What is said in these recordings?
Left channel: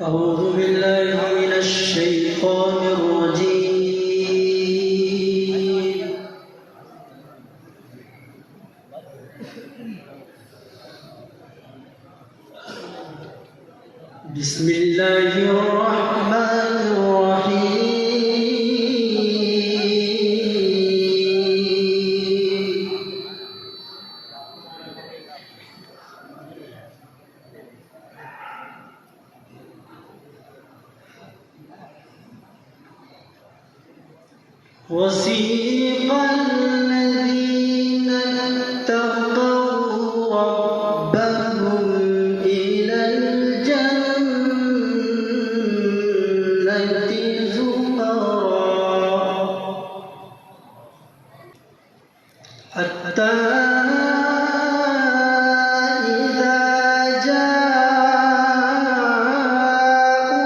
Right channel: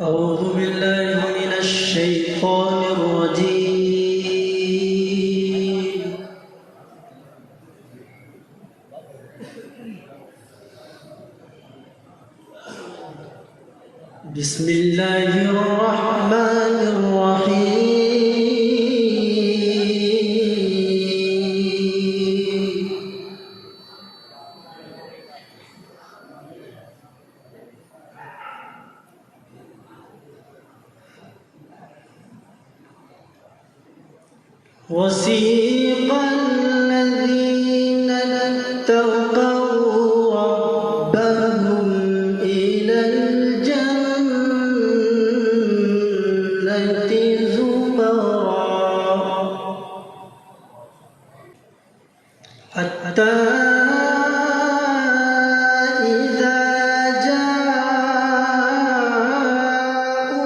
أعوذ بالله من الشيطان الرجيم. بسم الله الرحمن الرحيم. وسيق الذين اتقوا ربهم إلى الجنة زمرا حتى إذا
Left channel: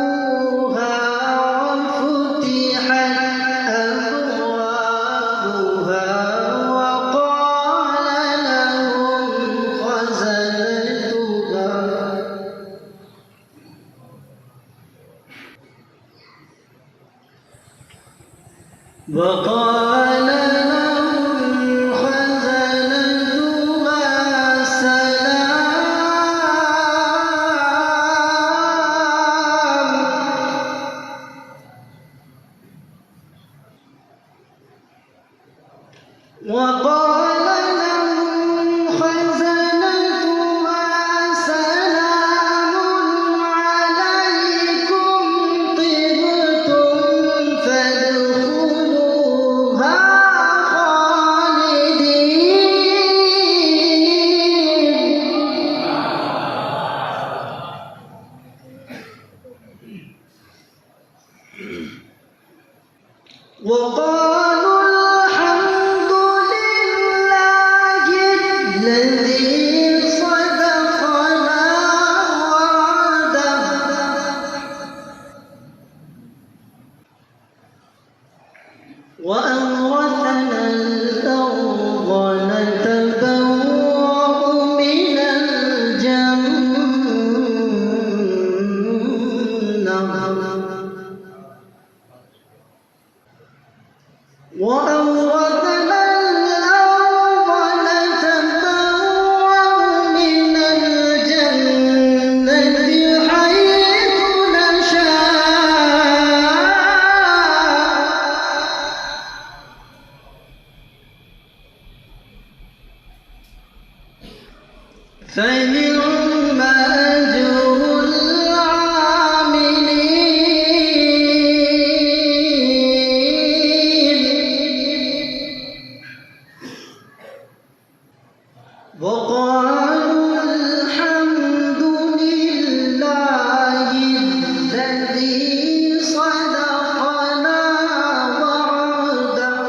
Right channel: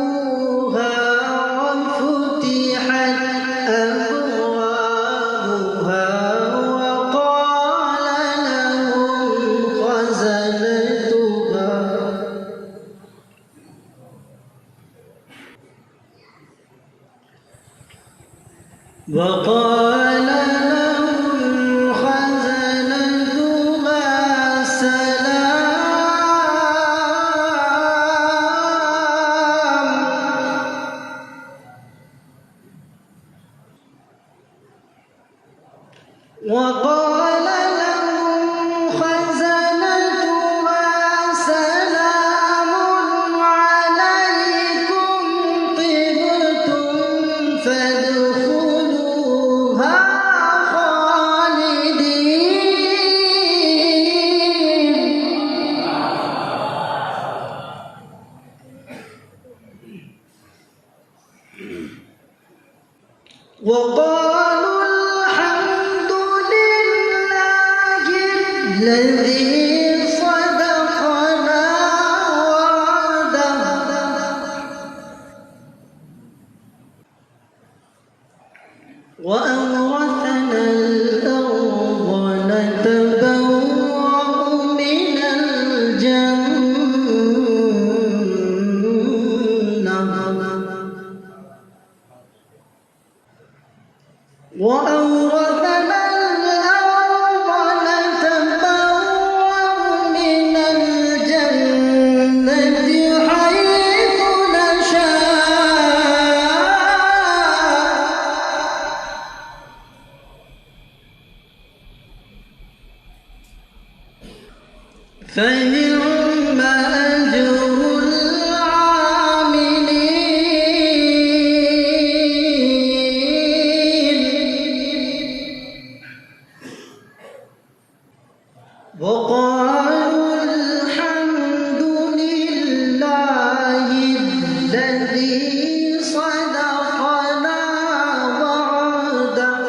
جاءوها وفتحت أبوابها وقال لهم خزنتها وقال لهم خزنتها سلام عليكم طبتم فادخلوها خالدين وقالوا الحمد لله الذي صدقنا وعده وأورثنا الأرض نتبوأ من الجنة وأورثنا الأرض نتبوأ من الجنة حيث نشاء فنعم أجر وقالوا الحمد لله الذي صدقنا وعده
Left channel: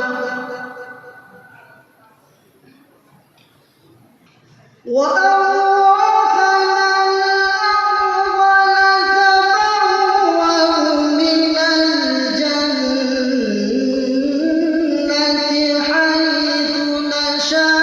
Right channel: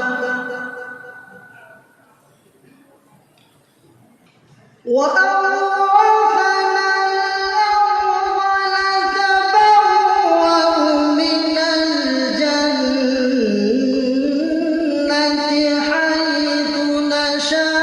وأورثنا الأرض نتبوأ من الجنة حيث نشاء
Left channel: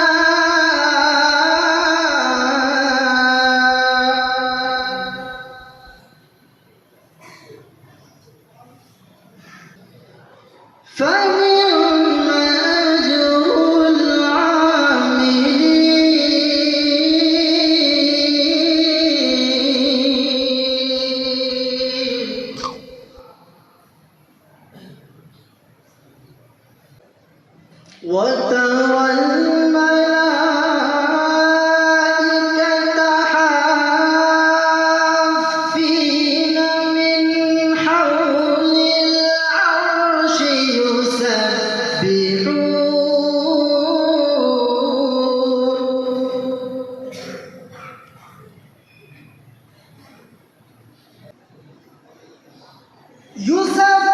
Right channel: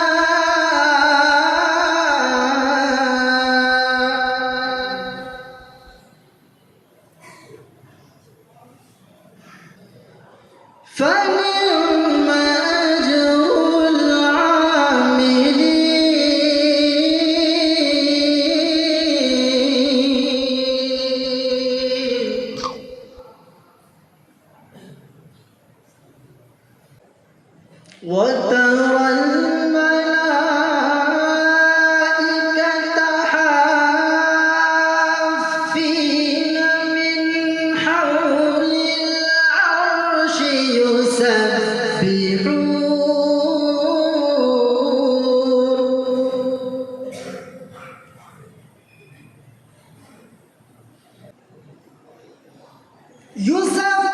فنعم أجر العاملين وترى الملائكة حافين من حول العرش يسبحون